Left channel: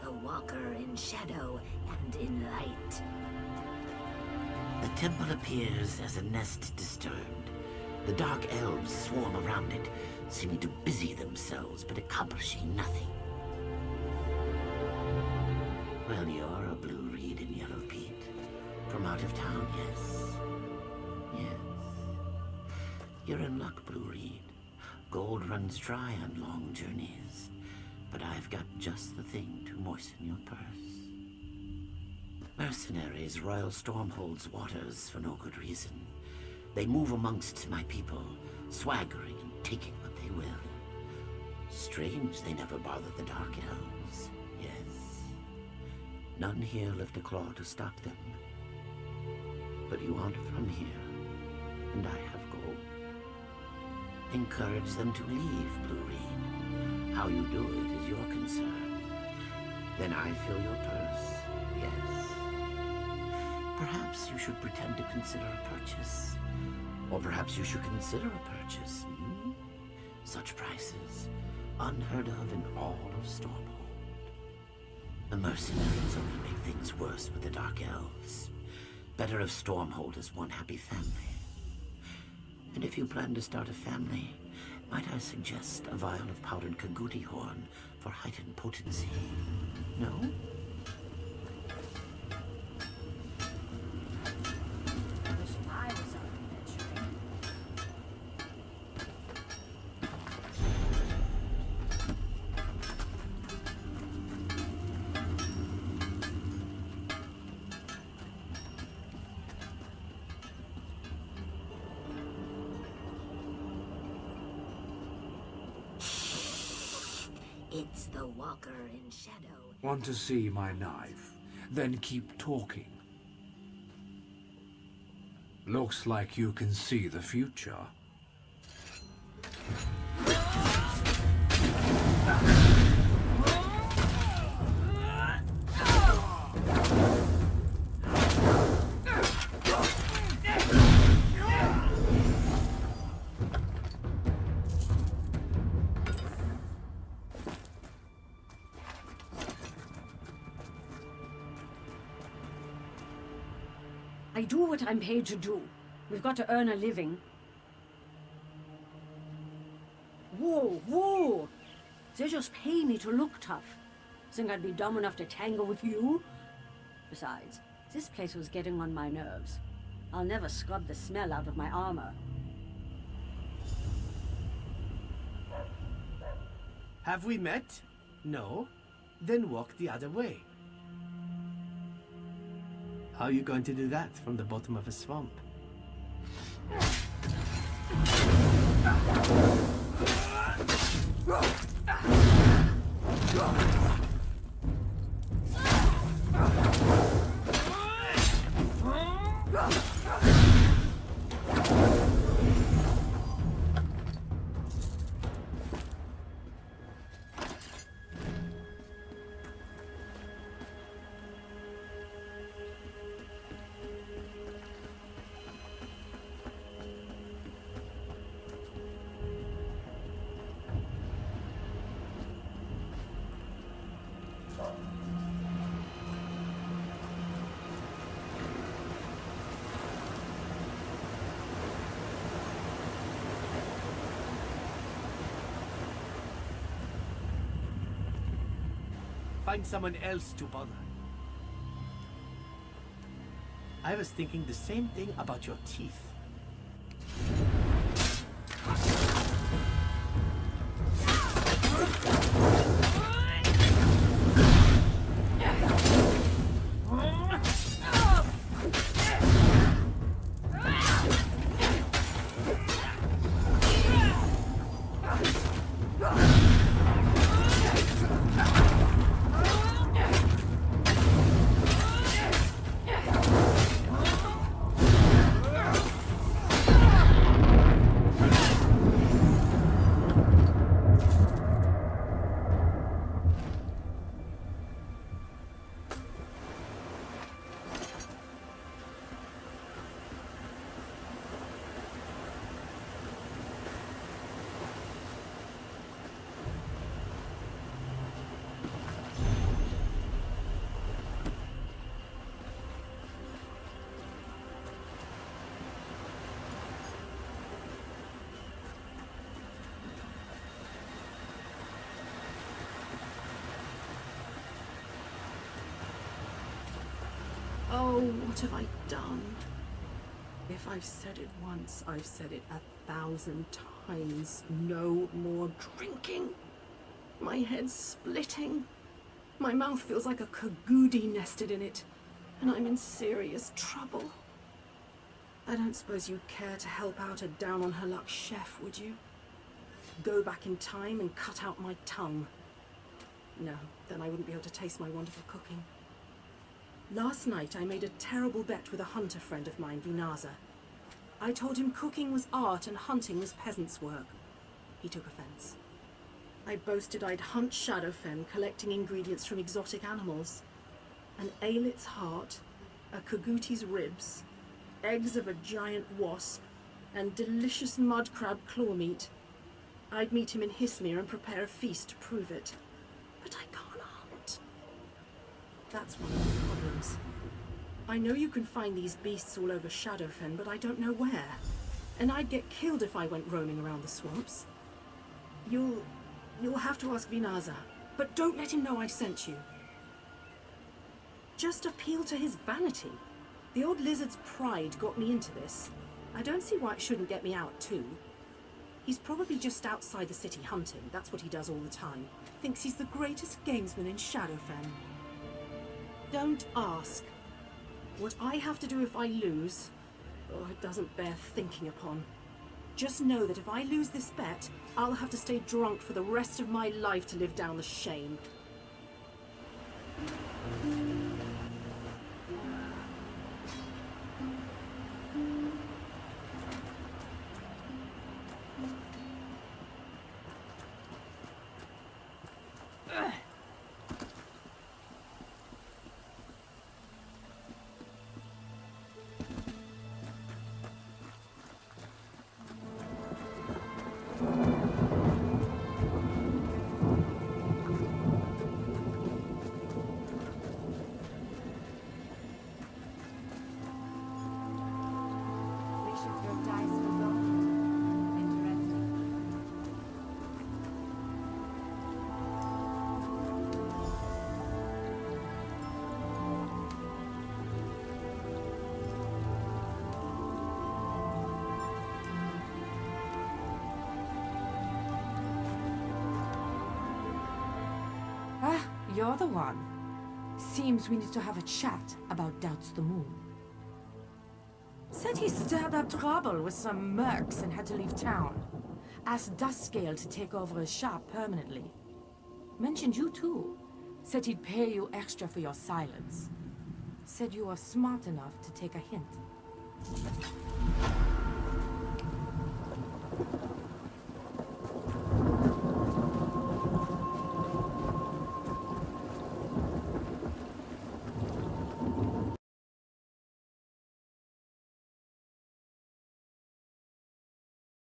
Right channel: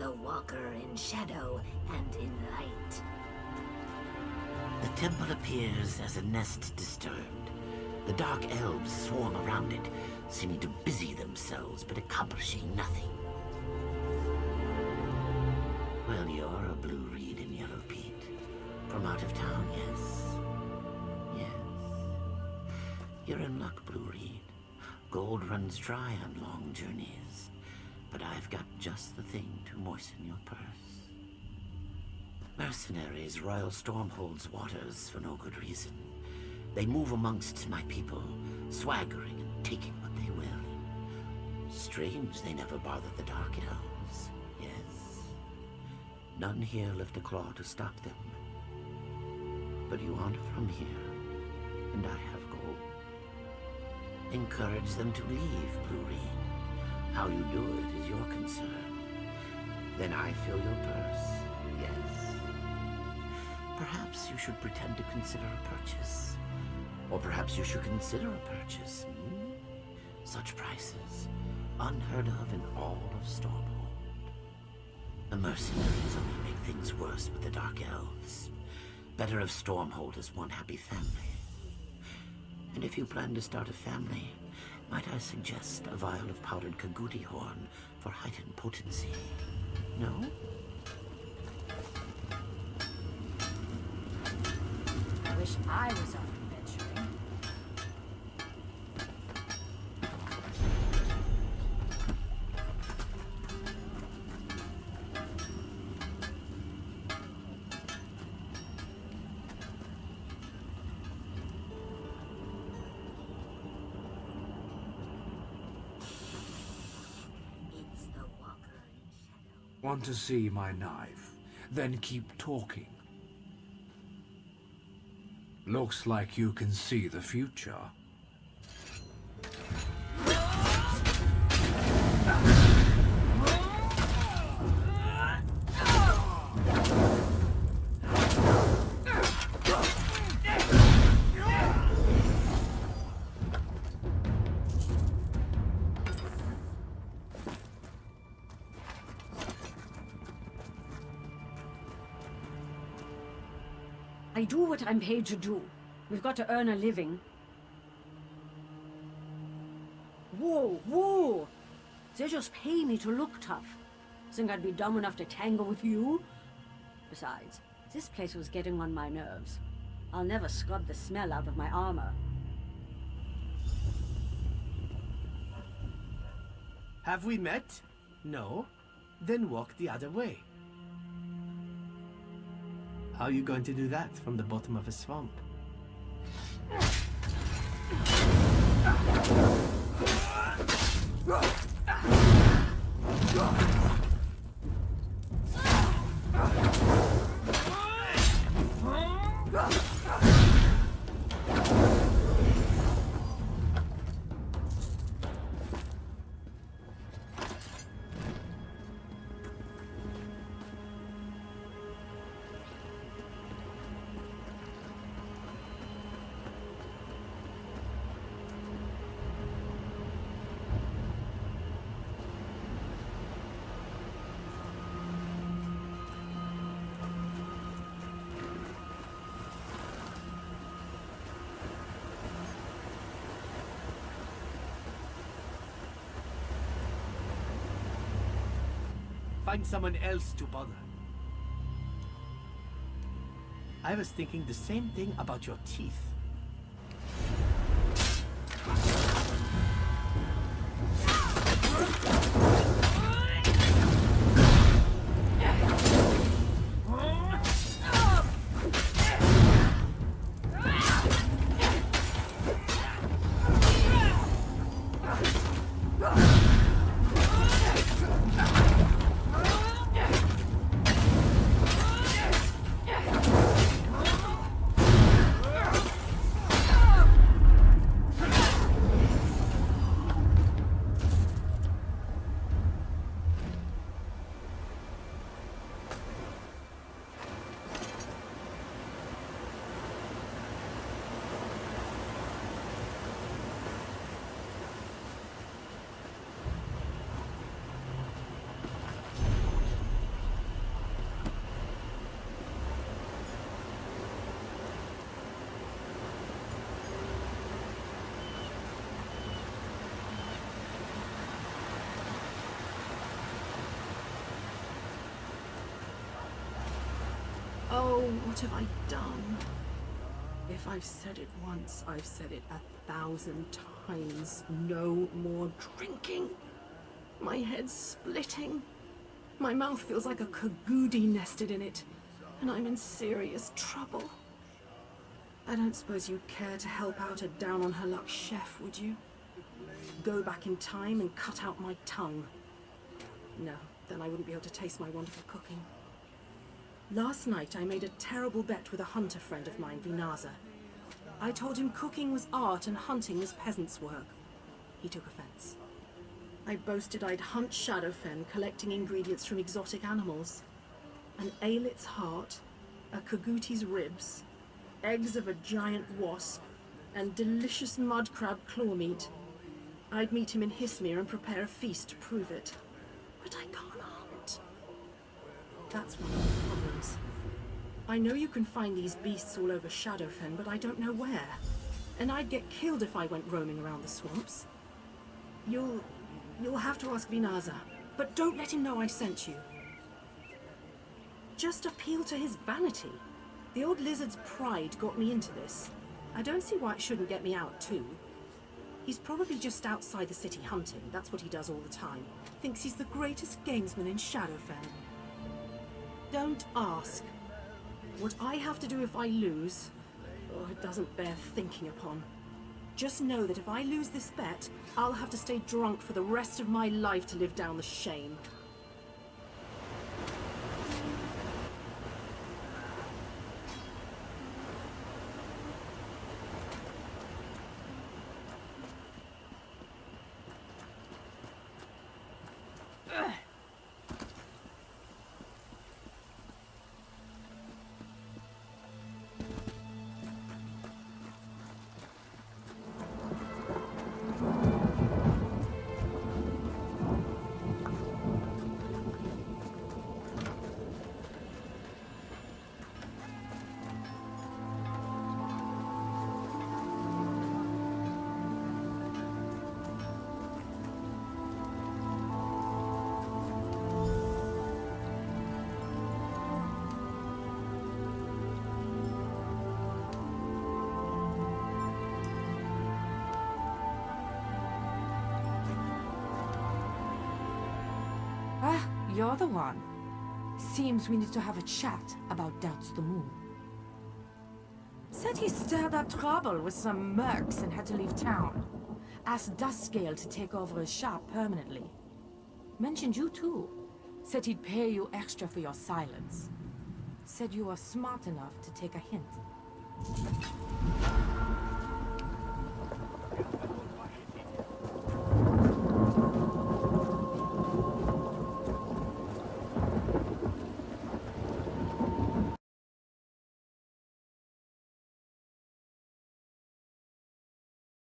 the walker in shadow and in light. The temple appears as a nest disturbed. The dark elves swarm around it, seeming to busy themselves but accomplishing nothing. Well, you're a blue reed in yellow peat. From out of town, yes. Yes. You're in luck, blue reed. Gold runs dry on long journeys, but I've got just the thing to moisten your purse. Mercenaries roil Stormhold's waters for no good reason. They move amongst my people, swaggering and taking what they will. Strange they never bother the Dark Elves, yes. None here lift a claw to stop them. But you aren't from here, and I have gold. Encourage them to leave, Blue Reed. How you do it is your concern. Then I fill your purse, yes. Perhaps you should pretend to consider a purchase. Or perhaps you should consider a purchase, hmm? Such prices, unheard of in all of Stormhold. The mercenaries only make things worse with the Dark Elves. Better if Stormhold is one happy family. And if you plan to start a family, might I suggest a vial of powdered Kaguti horn for heightened potency? No? I wish I was out adventuring. It's the walker in shadow. Want to see my knife? Then keep talking. Looks like you can see the future. I do what I'm paid to do. We've got to earn a living. Whoa, whoa! They just pay me to look tough. Think I'd be dumb enough to tangle with you? Besides, this place was getting on my nerves. I'll never scrub the smell out of my armor. Have we met? No? Then walk the other way. How are you going to do that from the bottom of a swamp? Find someone else to bother. I was thinking the same thing about your teeth. Oh, what have I done? If I've said it once, I've said it 1,000 times. No more drinking. My head's splitting. My mouth feels like a cagoody nested in it, and I'm in serious trouble. I don't suppose you'd care to help out a down-on-her-luck chef, would you? Go back in time and cut out my tongue. No, then I wouldn't be able to taste my wonderful cooking. Last night I made a terrible bet with a hunter friend of mine, Vinaza. I told him cooking was art and hunting was peasants' work. He took offense. I boasted I'd hunt Shadowfen, collecting ingredients from exotic animals. An aelit's heart, a kaguti's ribs, eggs of a giant wasp, and delicious mud crab claw meat. I'd meet him in Hismir and prepare a feast to prove it. But I can't hunt. That's one of the problems. I know you can find these beasts all over Shadowfen, but I don't know where. And I'd get killed if I went roaming around the swamps. You'll have to ask Vinaza, but don't let him know I sent you. Just appeal to his vanity. The old lizard's pride got me into this. I don't see why it shouldn't get me out too. He's probably just outside the city hunting. That's what he does all the time. Thinks he's the greatest gamesman in Shadowfen. Don't ask. What I have to do if I lose, oh, it doesn't bear thinking upon. Just know that if I lose this bet, I'll have to stay drunk for the rest of my life to live down the shame. Ah, you're the one. Seems we need to have a chat about Doubts the Moon. Said he stirred up trouble with some mercs and had to leave town. Asked Duskscale to take over his shop permanently. Mentioned you too. Said he'd pay you extra for your silence. Said you were smart enough to take a hint.